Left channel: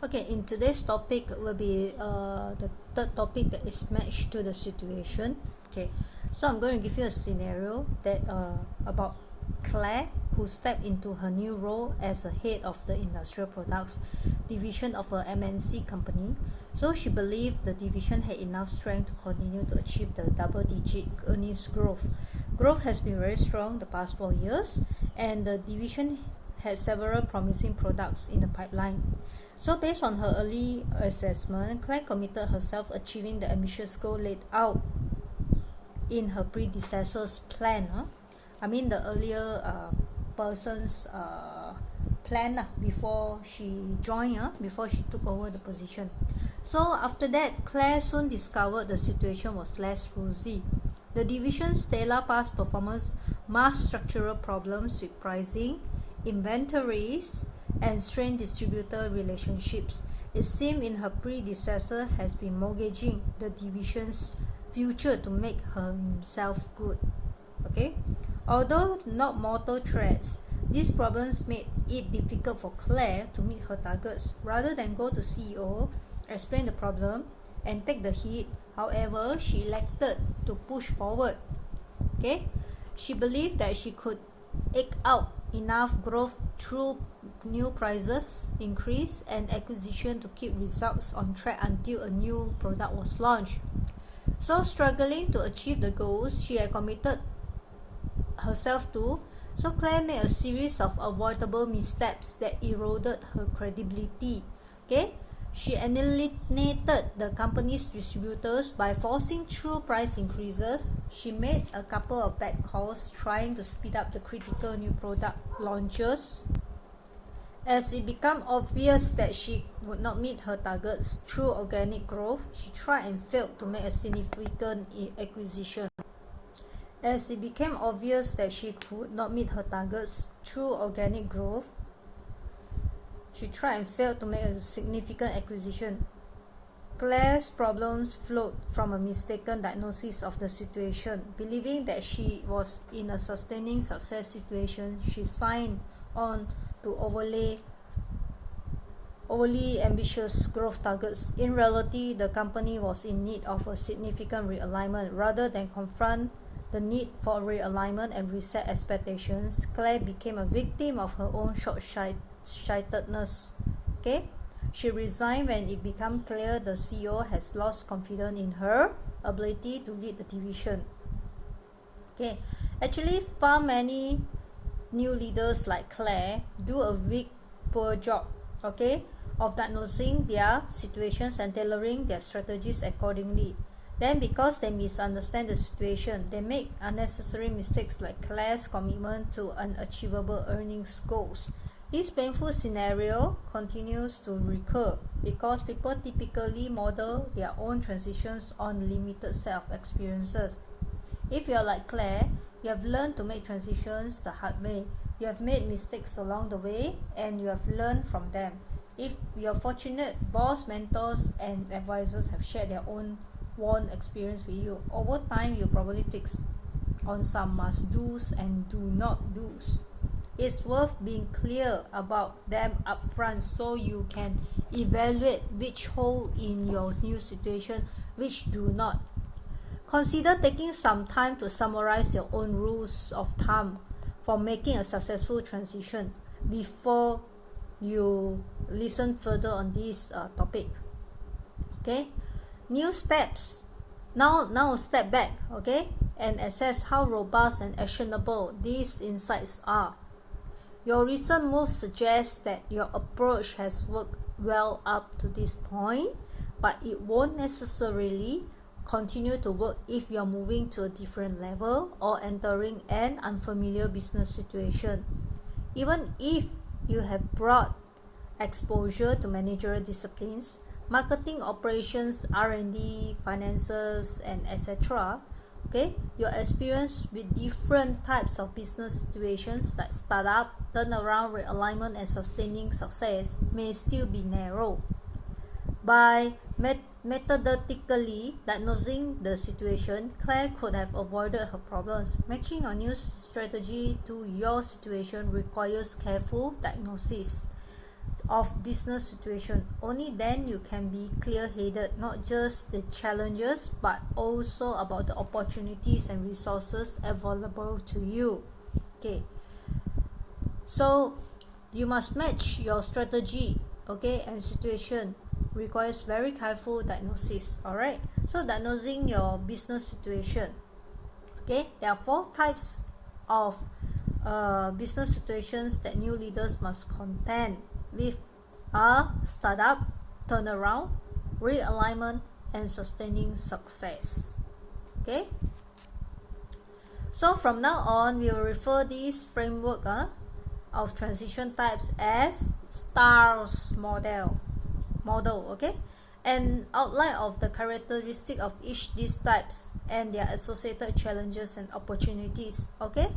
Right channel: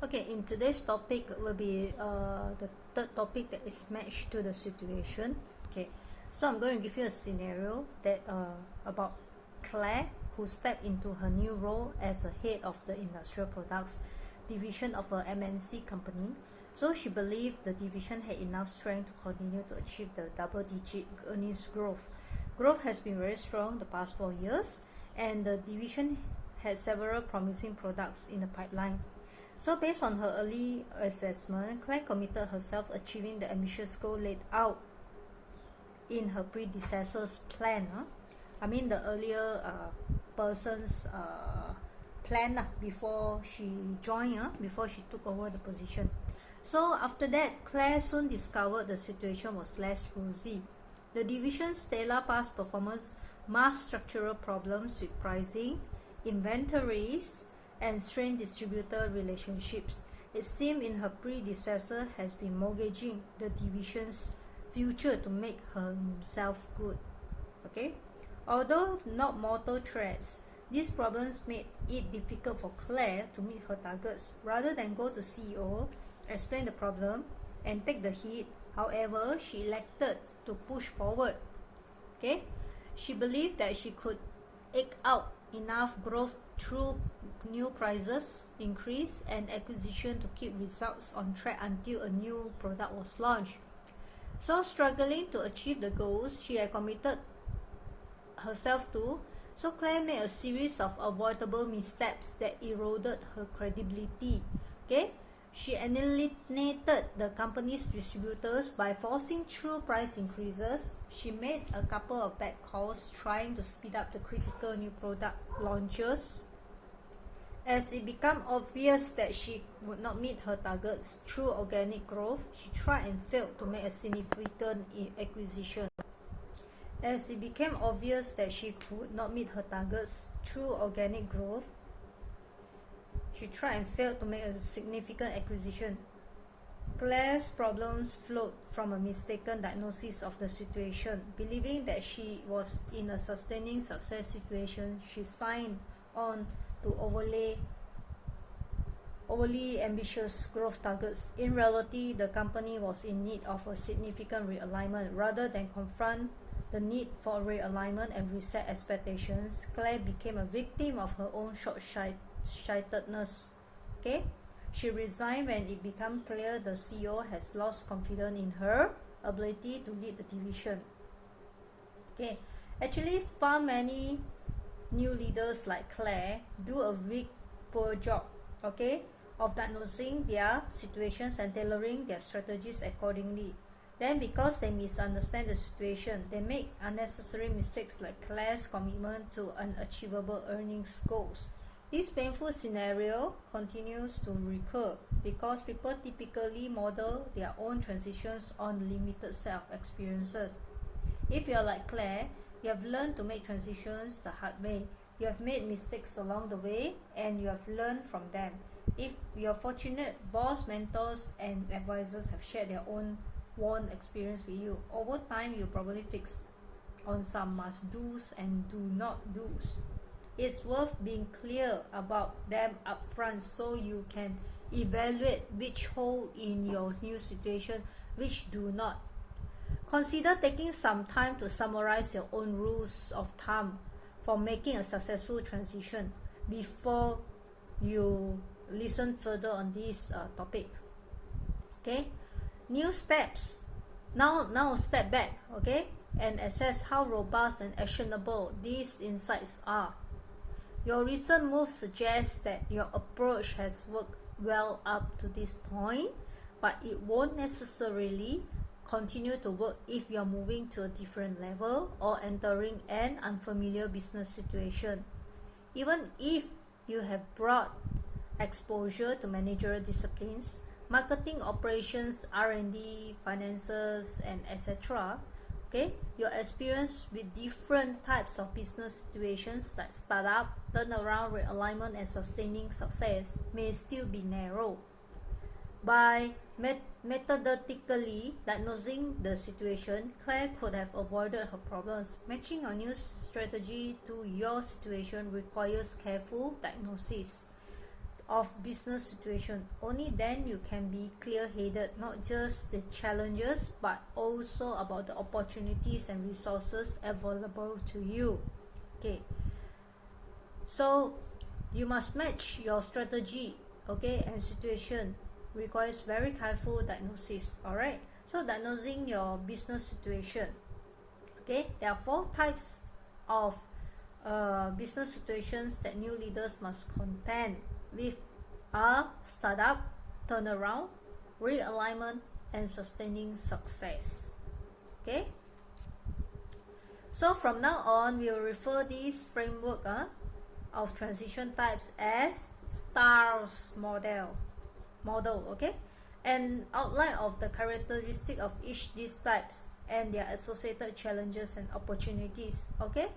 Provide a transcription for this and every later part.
Okay, in today's topic will be the third topic that is matched to the situation. Okay, so I'm going to give you a scenario that about Claire, who stepped into her new role as a head of the industrial products division of a MNC company. So she believed the division had enough strength to continue to achieve the double-digit earnings growth. Growth has been very strong the past 4 years, and the division had several promising products in the pipeline. So based on her early assessment, Claire committed herself achieving the ambitious goal laid out in her predecessor's plan. I mean the earlier person's plan before she joined, before she took over the position. So after that, Claire soon discovered the situation was less rosy. The division's stellar past performance masked structural problems with pricing, inventories, and strained distributor relationships. It seemed in her predecessor has been mortgaging the division's future to make himself good. Okay, although not mortal threats, these problems made it difficult for Claire to meet her targets. Rather than go to CEO, explain the problem, and take the hit, however, she elected to push forward. Okay, she believed that she could eke out enough growth through new prices increase and acquisition to keep results on track until a new product was launched. So struggling to achieve the goals she had committed herself to, so Claire made a series of avoidable missteps that eroded her credibility. Okay, she alienated the company's distributors by forcing through price increases. She made a couple of bad calls trying to speed up the critical new product launches. As it became obvious that she would not meet her targets through organic growth, she tried and failed to make a significant acquisition. As it became obvious that she could not meet her targets through organic growth, she tried and failed to make a significant acquisition. Claire's problems flowed from a mistaken diagnosis of the situation. Believing that she was in a sustaining success situation, she signed on to overly ambitious growth targets. In reality, the company was in need of a significant realignment. Rather than confront the need for realignment and reset expectations, Claire became a victim of her own short-sightedness. Okay, she resigned when it became clear the CEO has lost confidence in her ability to lead the division. Okay, actually, far many new leaders like Claire do a weak, poor job, okay, of diagnosing their situations and tailoring their strategies accordingly. Then because they misunderstand the situation, they make unnecessary mistakes like Claire's commitment to unachievable earnings goals. This painful scenario continues to recur because people typically model their own transitions on limited set of experiences. If you're like Claire, you have learned to make transitions the hard way. You have made mistakes along the way and you have learned from them. If you're fortunate, boss, mentors, and advisors have shared their own worn experience with you. Over time, you'll probably fix on some must-dos and do-not-dos. It's worth being clear about them upfront so you can evaluate which hold in your new situation, which do not. Consider taking some time to summarize your own rules of thumb for making a successful transition before you listen further on this topic. Okay, new steps. Now step back, okay, and assess how robust and actionable these insights are. Your recent moves suggest that your approach has worked well up to this point, but it won't necessarily continue to work if you're moving to a different level or entering an unfamiliar business situation. Even if you have broad exposure to managerial disciplines, marketing, operations, R&D, finances, and etc., okay, your experience with different types of business situations like startup, turnaround, realignment, and sustaining success may still be narrow. By methodically diagnosing the situation, Claire could have avoided her problems. Matching a new strategy to your situation requires careful diagnosis of business situation. Only then you can be clear-headed, not just the challenges but also about the opportunities and resources available to you. Okay, so you must match your strategy, okay, and situation requires very careful diagnosis. All right, so diagnosing your business situation. Okay, there are 4 types of business situations that new leaders must contend with: a startup, turnaround, realignment, and sustaining success. Okay, so from now on we will refer this framework of transition types as STARS model. Okay, an outline of the characteristic of each these types and their associated challenges and opportunities, okay,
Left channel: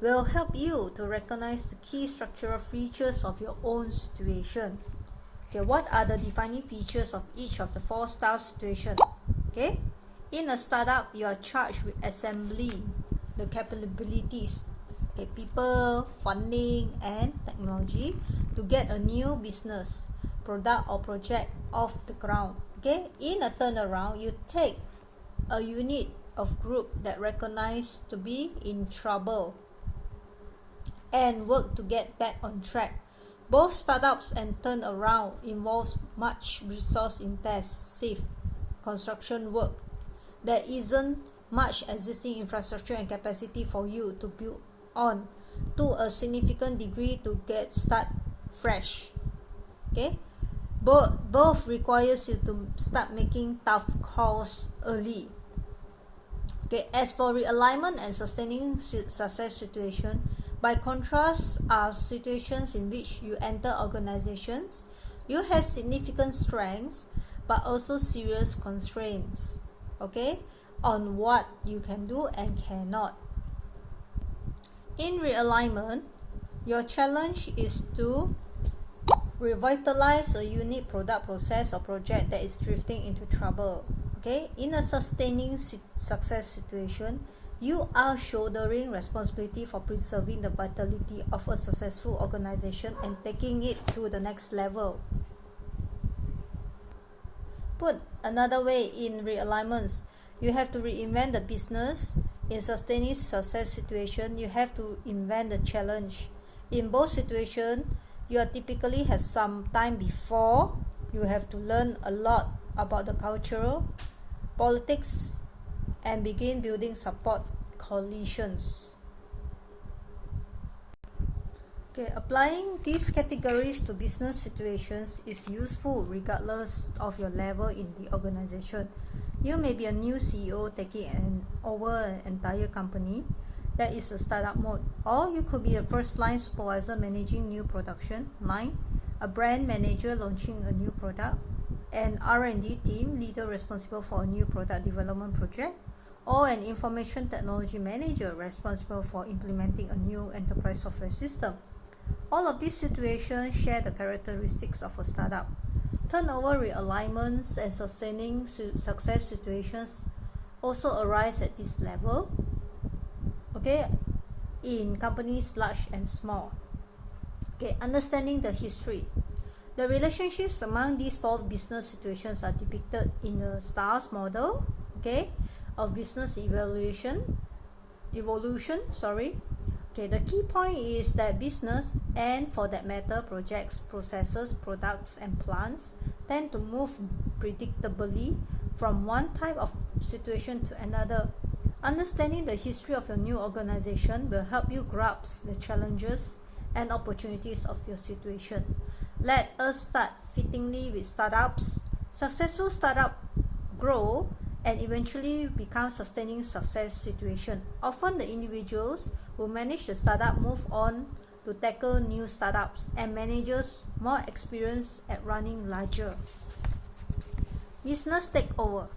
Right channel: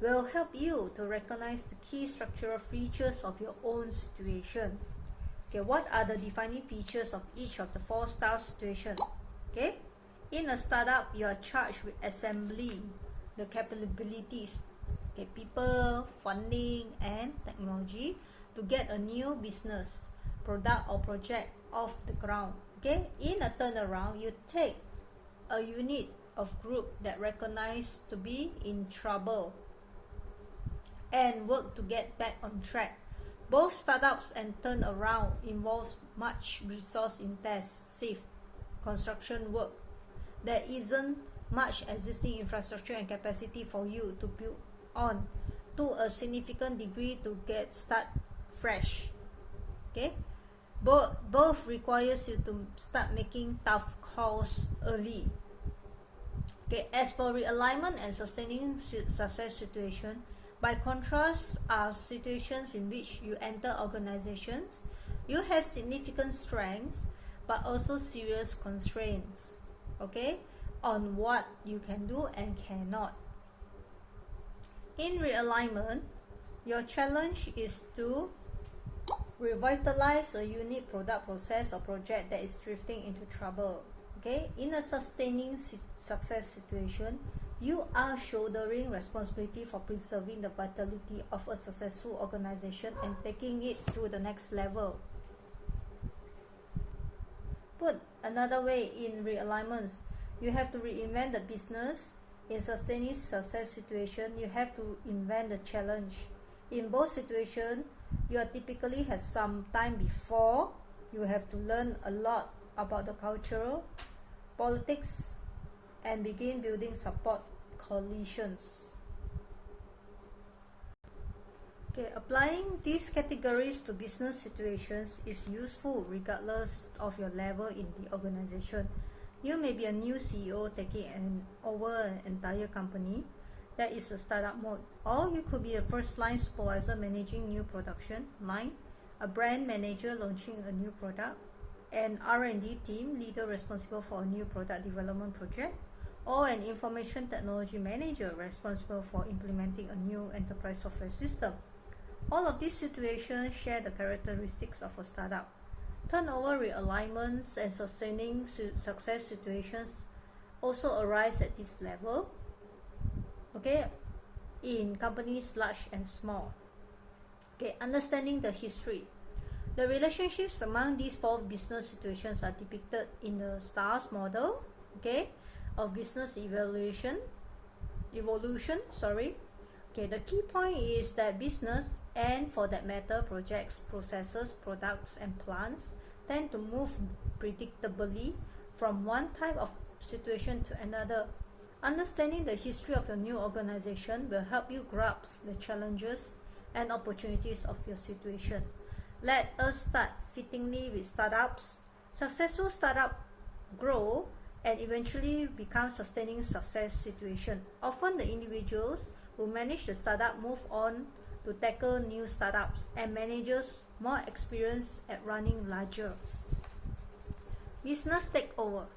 will help you to recognize the key structural features of your own situation. Okay, what are the defining features of each of the 4 style situations? Okay, in a startup, you are charged with assembling the capabilities, okay, people, funding, and technology to get a new business, product, or project off the ground. Okay, in a turnaround, you take a unit of group that recognize to be in trouble and work to get back on track. Both startups and turnaround involves much resource-intensive construction work. There isn't much existing infrastructure and capacity for you to build on to a significant degree to get started fresh. Okay, both requires you to start making tough calls early. Okay, as for realignment and sustaining success situation, by contrast, are situations in which you enter organizations, you have significant strengths but also serious constraints, okay, on what you can do and cannot. In realignment, your challenge is to revitalize a unique product, process, or project that is drifting into trouble. Okay, in a sustaining success situation, you are shouldering responsibility for preserving the vitality of a successful organization and taking it to the next level. Put another way, in realignments, you have to reinvent the business. In sustaining success situation, you have to invent the challenge. In both situations, you typically have some time before you have to learn a lot about the cultural, politics, and begin building support coalitions. Okay, applying these categories to business situations is useful regardless of your level in the organization. You may be a new CEO taking over an entire company that is a startup mode, or you could be a first-line supervisor managing new production line, a brand manager launching a new product, an R&D team leader responsible for a new product development project, or an information technology manager responsible for implementing a new enterprise software system. All of these situations share the characteristics of a startup. Turnover, realignments, and sustaining success situations also arise at this level, okay, in companies large and small. Okay, understanding the history. The relationships among these 4 business situations are depicted in the STARS model, okay, of business evolution. Okay, the key point is that business, and for that matter projects, processes, products, and plants, tend to move predictably from one type of situation to another. Understanding the history of your new organization will help you grasp the challenges and opportunities of your situation. Let us start fittingly with startups. Successful startups grow and eventually become sustaining success situation. Often the individuals who manage the startup move on to tackle new startups, and managers more experienced at running larger. Business takeover.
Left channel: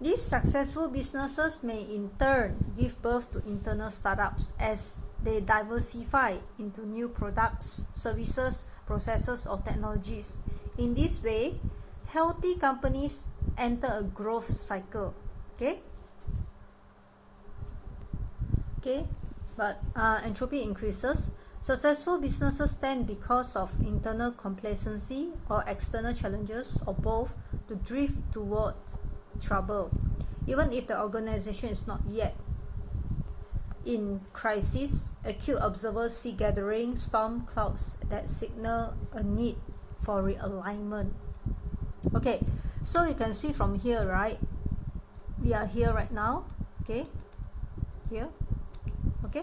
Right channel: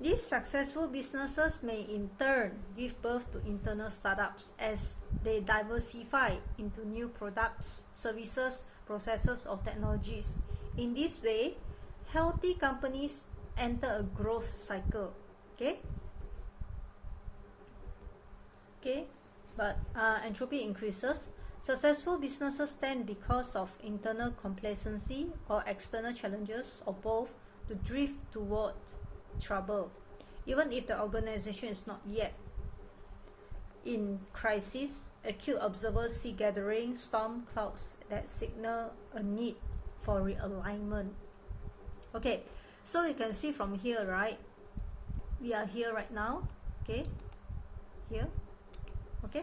These successful businesses may in turn give birth to internal startups as they diversify into new products, services, processes, or technologies. In this way, healthy companies enter a growth cycle. Okay, but entropy increases. Successful businesses tend, because of internal complacency or external challenges or both, to drift toward trouble, even if the organization is not yet in crisis. Acute observers see gathering storm clouds that signal a need for realignment. Okay, so you can see from here, right? We are here right now. Okay, here. Okay.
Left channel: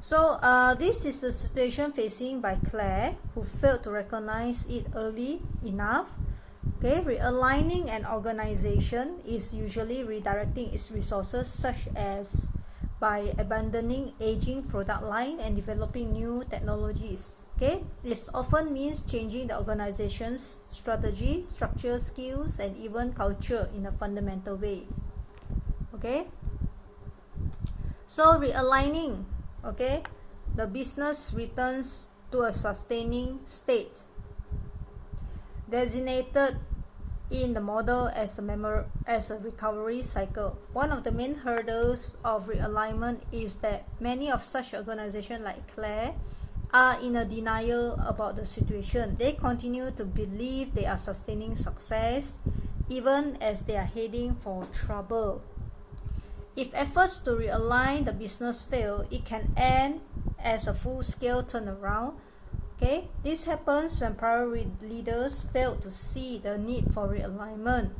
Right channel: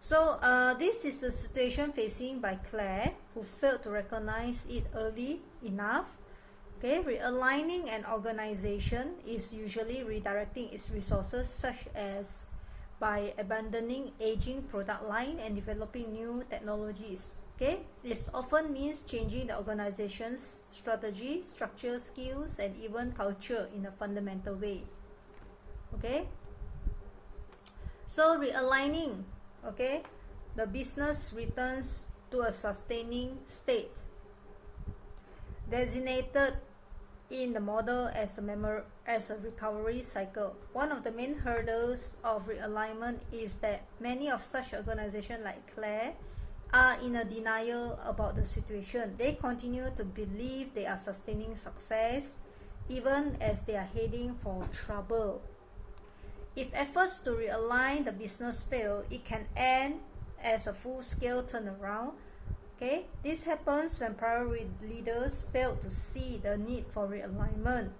So this is the situation facing by Claire, who failed to recognize it early enough. Okay, realigning an organization is usually redirecting its resources, such as by abandoning aging product line and developing new technologies. Okay, this often means changing the organization's strategy, structure, skills, and even culture in a fundamental way. Okay, so realigning, okay, the business returns to a sustaining state, designated in the model as a recovery cycle. One of the main hurdles of realignment is that many of such organizations like Claire are in a denial about the situation. They continue to believe they are sustaining success even as they are heading for trouble. If efforts to realign the business fail, it can end as a full-scale turnaround. Okay, this happens when prior leaders fail to see the need for realignment.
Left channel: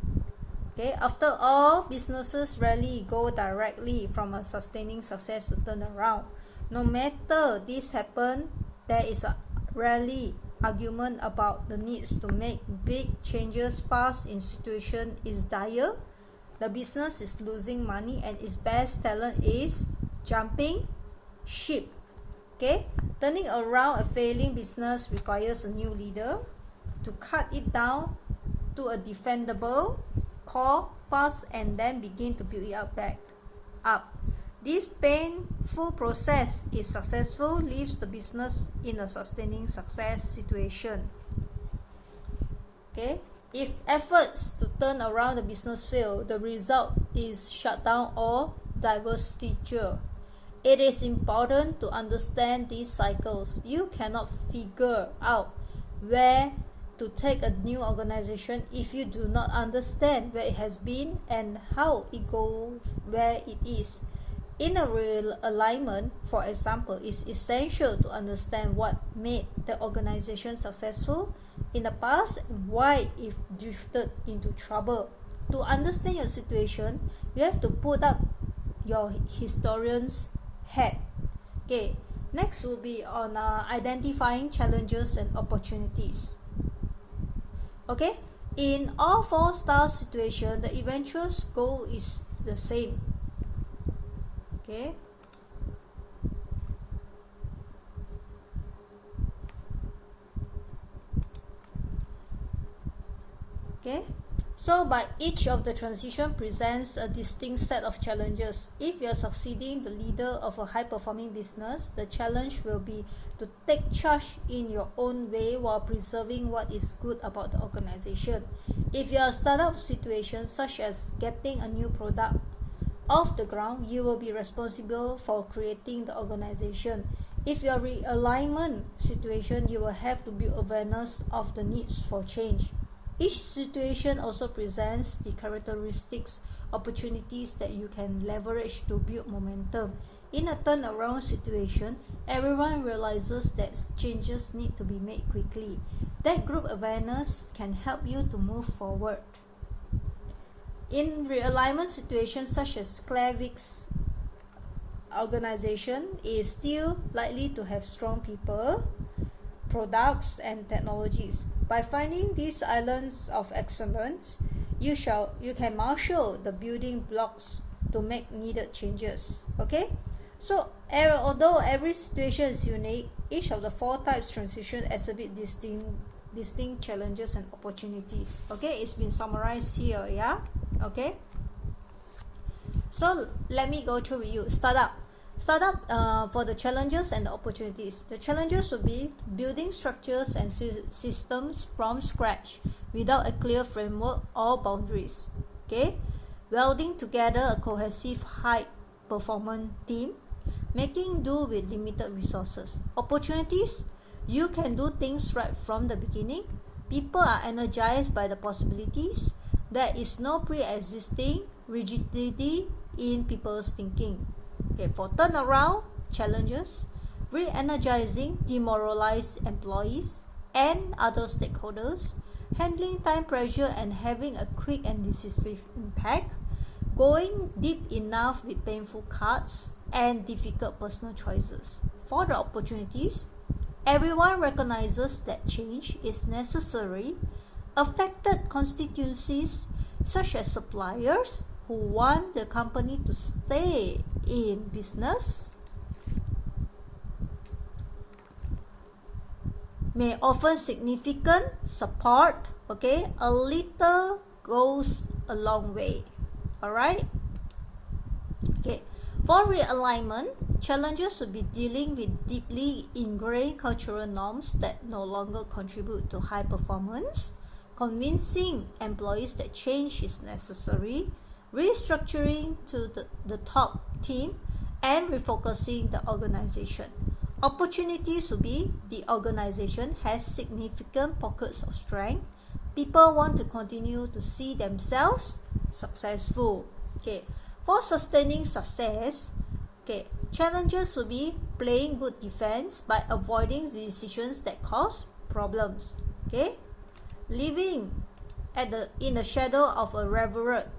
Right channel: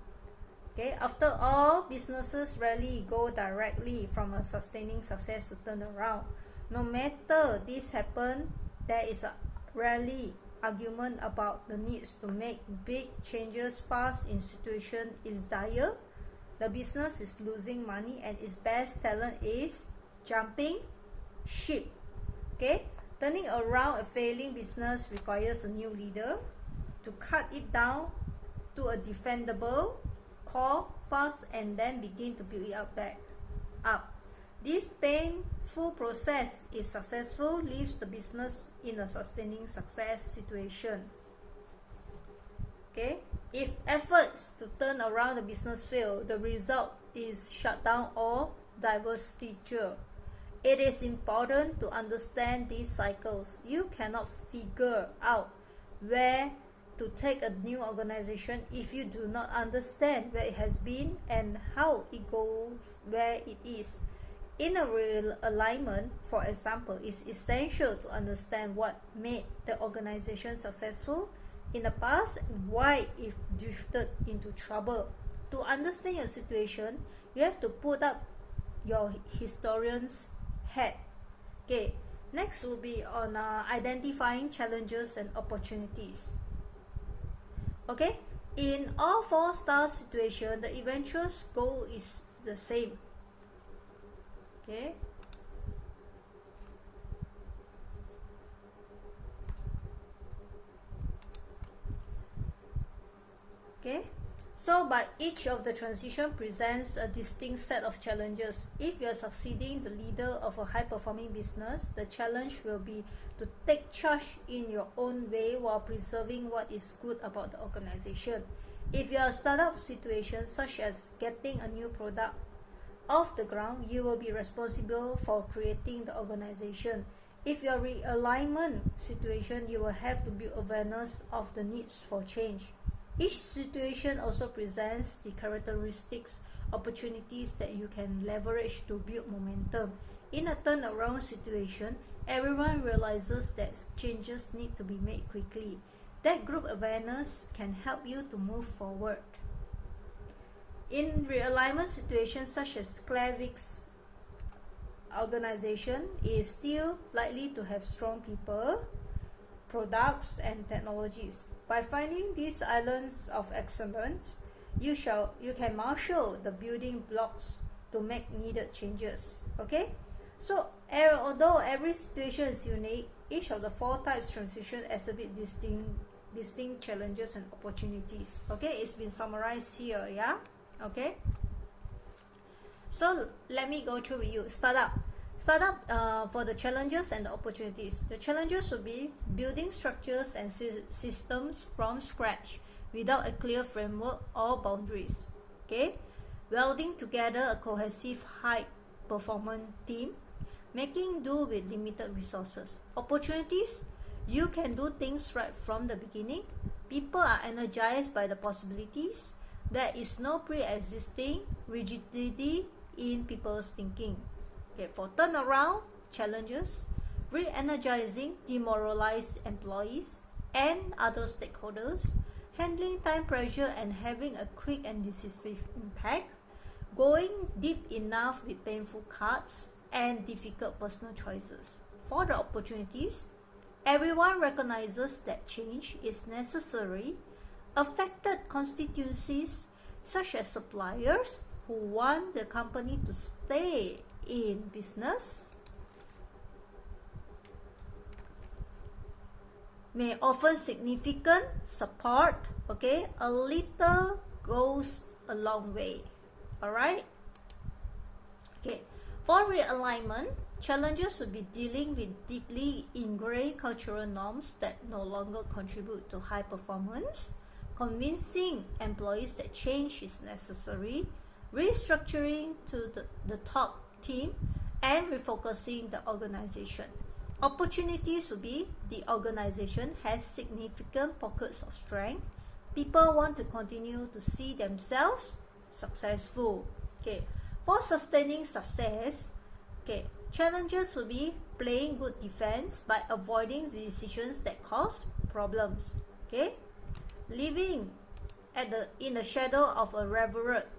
Okay, after all, businesses rarely go directly from a sustaining success to turnaround. No matter this happens, there is a rarely argument about the needs to make big changes fast in situation is dire. The business is losing money and its best talent is jumping ship. Okay, turning around a failing business requires a new leader to cut it down to a defendable core fast and then begin to build it back up. This painful process, if successful, leaves the business in a sustaining success situation. Okay, if efforts to turn around the business fail, the result is shutdown or divestiture. It is important to understand these cycles. You cannot figure out where to take a new organization if you do not understand where it has been and how it goes where it is. In a real alignment, for example, it's essential to understand what made the organization successful in the past and why it drifted into trouble. To understand your situation, you have to put up your historian's hat. Okay, next will be on identifying challenges and opportunities. Okay, in all four style situations, the eventual goal is the same. Okay, okay, so but each of the transition presents a distinct set of challenges. If you are succeeding the leader of a high-performing business, the challenge will be to take charge in your own way while preserving what is good about the organization. If you are a startup situation, such as getting a new product off the ground, you will be responsible for creating the organization. If your realignment situation, you will have to build awareness of the needs for change. Each situation also presents the characteristics, opportunities that you can leverage to build momentum. In a turnaround situation, everyone realizes that changes need to be made quickly. That group awareness can help you to move forward. In realignment situations such as Claire Vic's organization is still likely to have strong people, products, and technologies. By finding these islands of excellence, you can marshal the building blocks to make needed changes. Okay, so although every situation is unique, each of the four types transition exhibit distinct challenges and opportunities. Okay, it's been summarized here. Yeah. Okay, so let me go through with you. Startup for the challenges and the opportunities. The challenges will be building structures and systems from scratch without a clear framework or boundaries. Okay, welding together a cohesive high performance team, making do with limited resources. Opportunities, you can do things right from the beginning. People are energized by the possibilities. There is no pre-existing rigidity in people's thinking. Okay, for turnaround, challenges, re-energizing demoralized employees and other stakeholders, handling time pressure and having a quick and decisive impact, going deep enough with painful cuts and difficult personal choices. For the opportunities, everyone recognizes that change is necessary. Affected constituencies such as suppliers who want the company to stay in business may offer significant support. Okay, a little goes a long way. All right. Okay, for realignment, challenges would be dealing with deeply ingrained cultural norms that no longer contribute to high performance, convincing employees that change is necessary, restructuring to the top team, and refocusing the organization. Opportunities would be the organization has significant pockets of strength. People want to continue to see themselves successful. Okay, for sustaining success, okay, challenges will be playing good defense by avoiding the decisions that cause problems. Okay, living in the shadow of a revered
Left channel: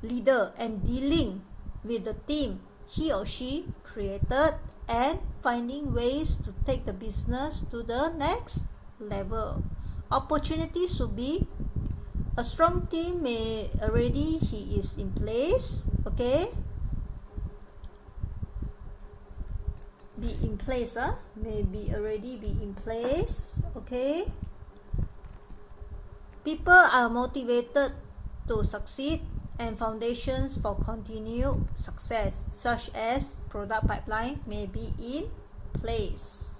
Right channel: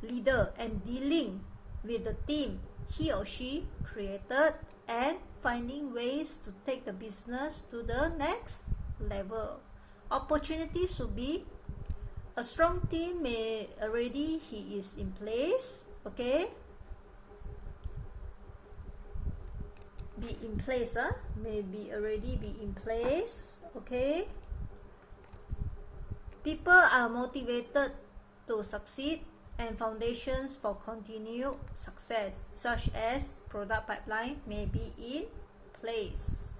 leader and dealing with the team he or she created and finding ways to take the business to the next level. Opportunities will be a strong team may already he is in place. Okay, be in place, maybe already be in place. Okay, people are motivated to succeed and foundations for continued success such as product pipeline may be in place.